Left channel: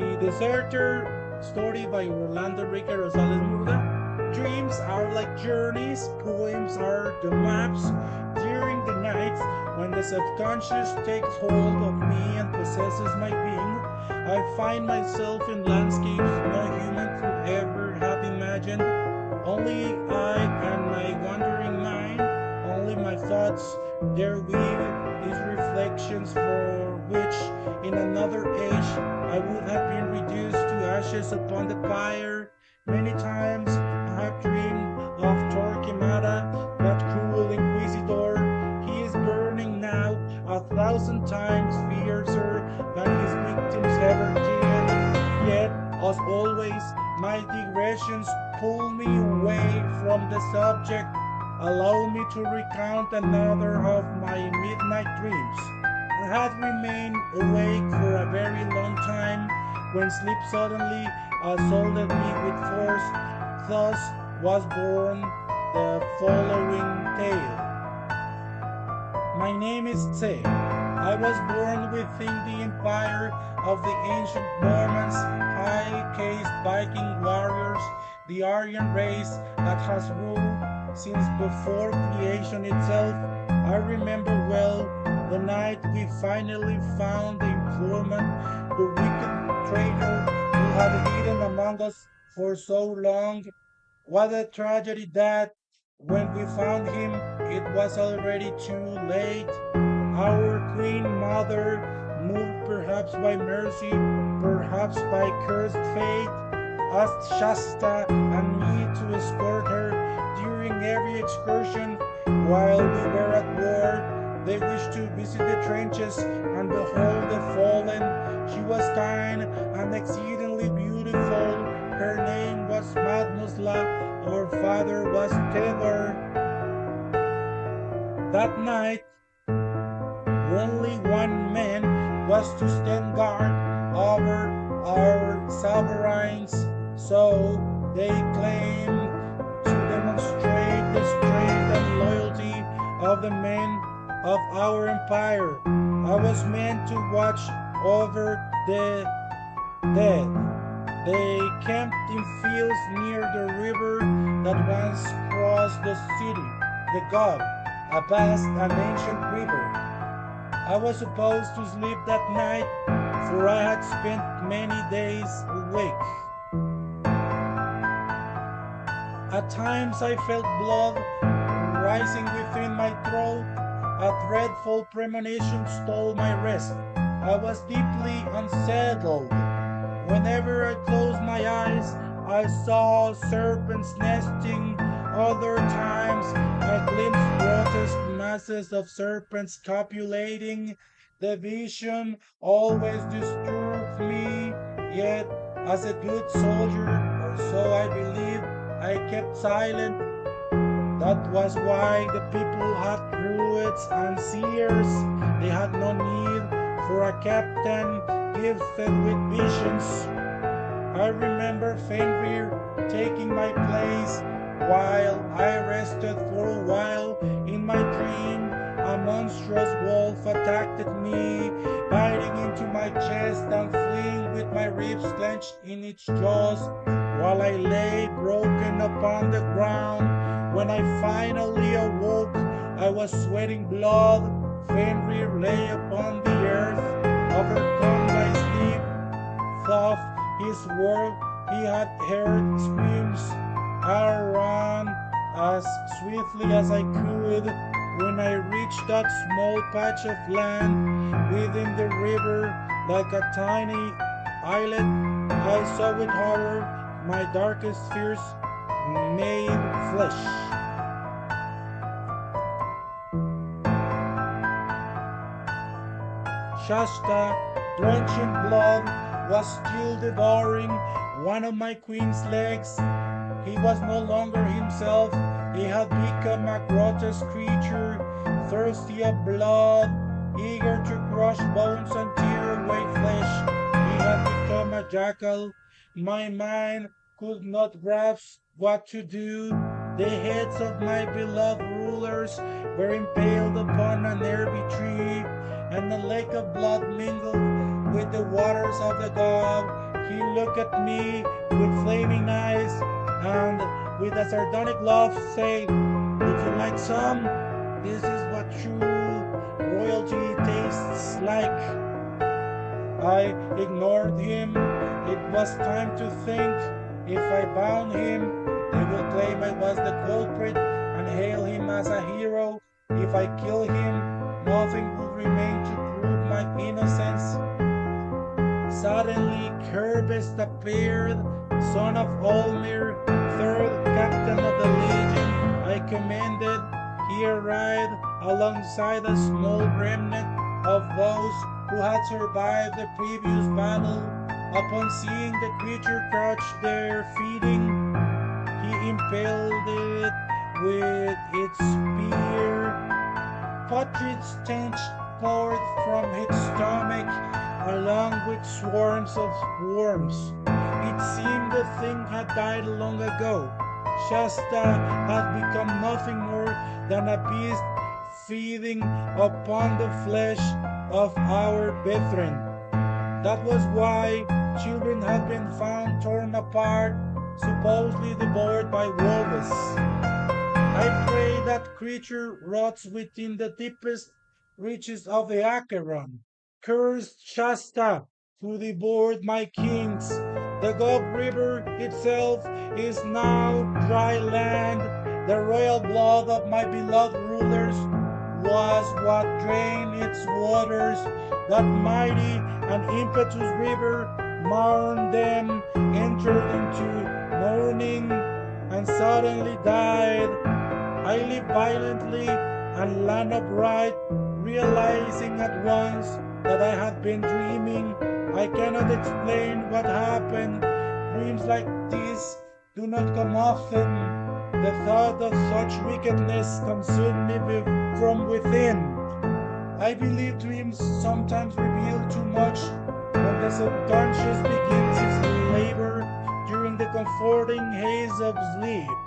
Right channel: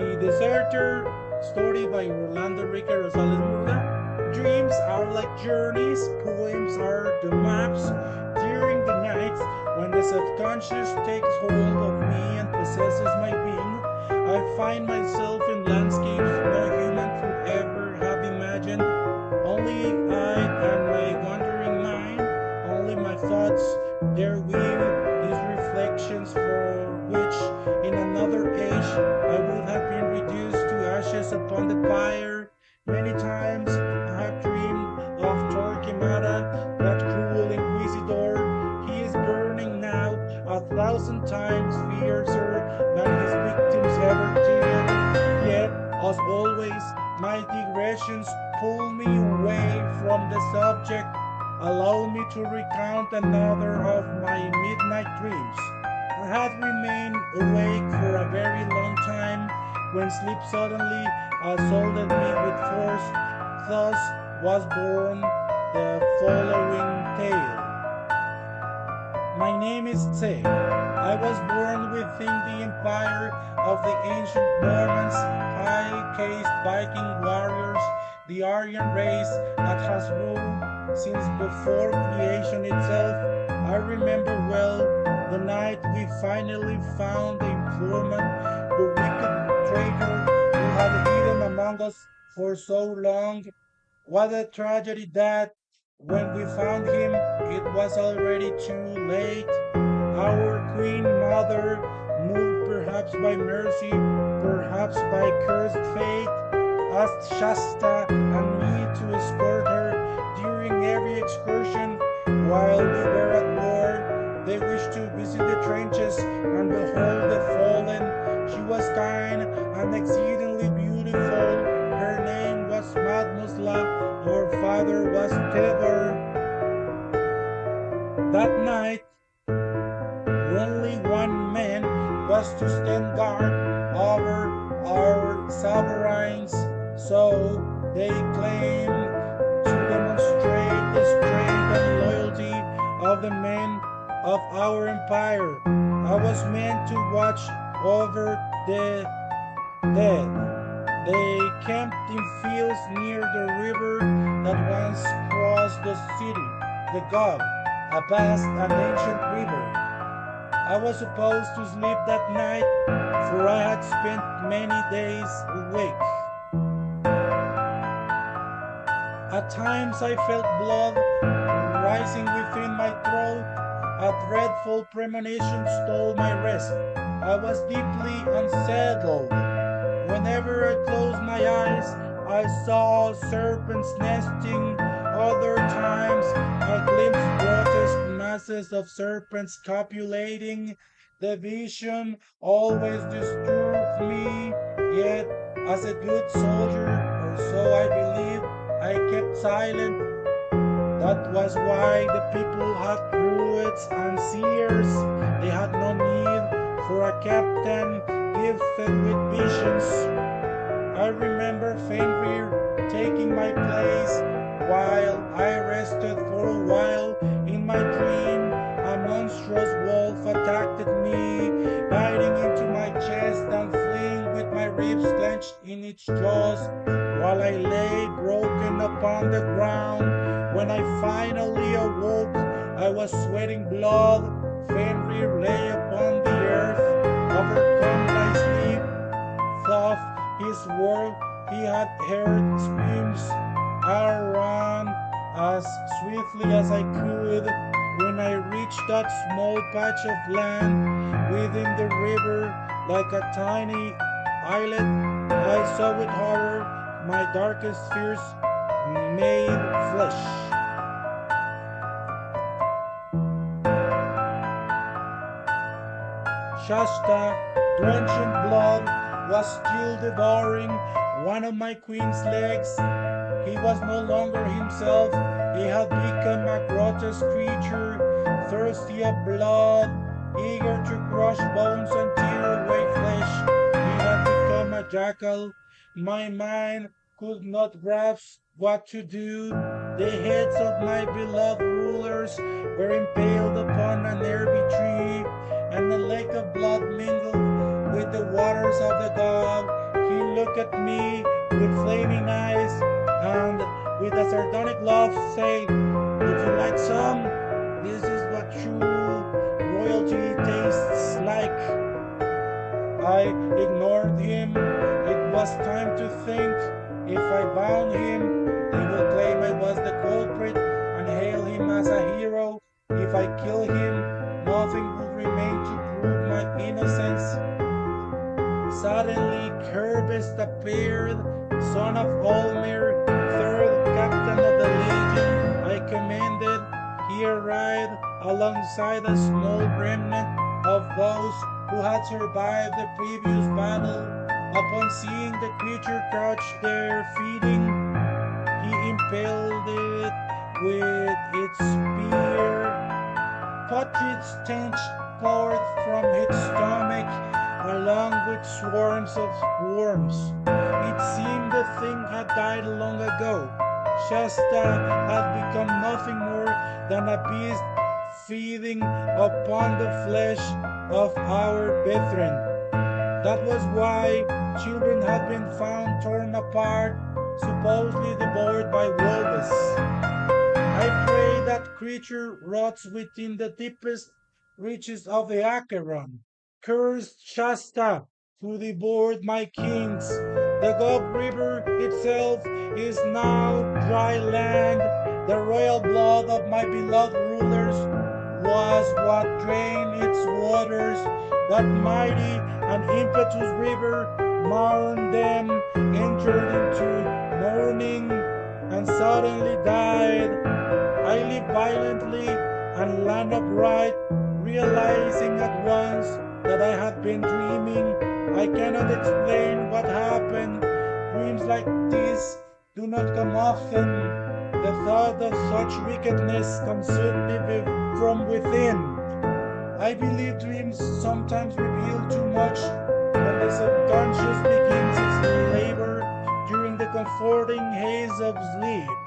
The Desertor, story by Rolando Enrique Rosales Murga. Dreams are like journeys, poems are the maps. During the nights, when the subconscious takes hold of me and possesses my being, I find myself in landscapes no human could ever have imagined. Only I and my wandering mind, only my thoughts dare weave these reflections for which, in another age, I would have been reduced to ashes upon the pyre. Many times I have dreamed of Torquemada, that cruel inquisitor. He is burning now 1,000 times fiercer than his victims ever did. Yet, as always, my digressions pull me away from the subject. Allow me to recount another of my midnight dreams. I had remained awake for a very long time when sleep suddenly assaulted me with force. Thus was born the following tale. My name is Tse. I was born within the empire of the ancient Normans, high-caste Viking warriors, the Aryan race that has ruled since before creation itself. I remember well the night we finally found the informant, the wicked traitor who had hidden among us for so long. What a tragedy that, when we found him, it was already too late. Our Queen Mother, moved perhaps by mercy, perhaps by cursed fate, asked Shasta and me to escort her during every excursion while we were at war. They wished to visit the trenches and behold the fallen. She was kind and exceedingly beautiful. Her name was Mademoiselle. Our father was Tevor. That night, only one man was to stand guard over our sovereigns, so they claimed to demonstrate the strength and loyalty of the men of our empire. I was meant to watch over the dead. They camped in fields near the river that once crossed the city, the Gulf, a vast and ancient river. I was supposed to sleep that night, for I had spent many days awake. At times I felt blood rising within my throat. A dreadful premonition stole my rest. I was deeply unsettled. Whenever I closed my eyes, I saw serpents nesting. Other times, I glimpsed grotesque masses of serpents copulating. The vision always disturbed me, yet, as a good soldier, or so I believed, I kept silent. That was why the people had druids and seers. They had no need for a captain gifted with visions. I remember Fenrir taking my place while I rested for a while. In my dream, a monstrous wolf attacked me, biting into my chest and fleeing with my ribs clenched in its jaws while I lay broken upon the ground. When I finally awoke, I was sweating blood. Fenrir lay upon the earth, overcome by sleep. Thought his world, he had heard screams. I ran as swiftly as I could. When I reached that small patch of land within the river, like a tiny islet, I saw with horror my darkest fears made flesh. Shasta, drenched in blood, was still devouring one of my queen's legs. He was no longer himself. He had become a grotesque creature, thirsty of blood, eager to crush bones and tear away flesh. He had become a jackal. My mind could not grasp what to do. The heads of my beloved rulers were impaled upon a nearby tree, and a lake of blood mingled with the waters of the Gulf. He looked at me with flaming eyes and with a sardonic laugh said, "Would you like some? This is what true royalty tastes like." I ignored him. It was time to think. If I bound him, they will claim I was the culprit and hail him as a hero. If I kill him, nothing will remain to prove my innocence. Suddenly, Kerbest appeared, son of Olmir, third captain of the legion I commanded. He arrived alongside a small remnant of those who had survived the previous battle. Upon seeing the creature crouched there feeding, he impaled it with its spear. Putrid stench poured from its stomach, along with swarms of worms. It seemed the thing had died long ago. Shasta had become nothing more than a beast feeding upon the flesh of our brethren. That was why children had been found torn apart, supposedly devoured by wolves. I pray that creature rots within the deepest reaches of the Acheron. Cursed Shasta, who devoured my kings. The Gulf River itself is now dry land. The royal blood of my beloved rulers was what drained its waters. That mighty and impetuous river mourned them, entered into mourning, and suddenly died. I lived violently and land upright, realizing at once that I had been dreaming. I cannot explain what happened. Dreams like this do not come often. The thought of such wickedness consumed me from within. I believe dreams sometimes reveal too much when the subconscious begins its labor during the comforting haze of sleep.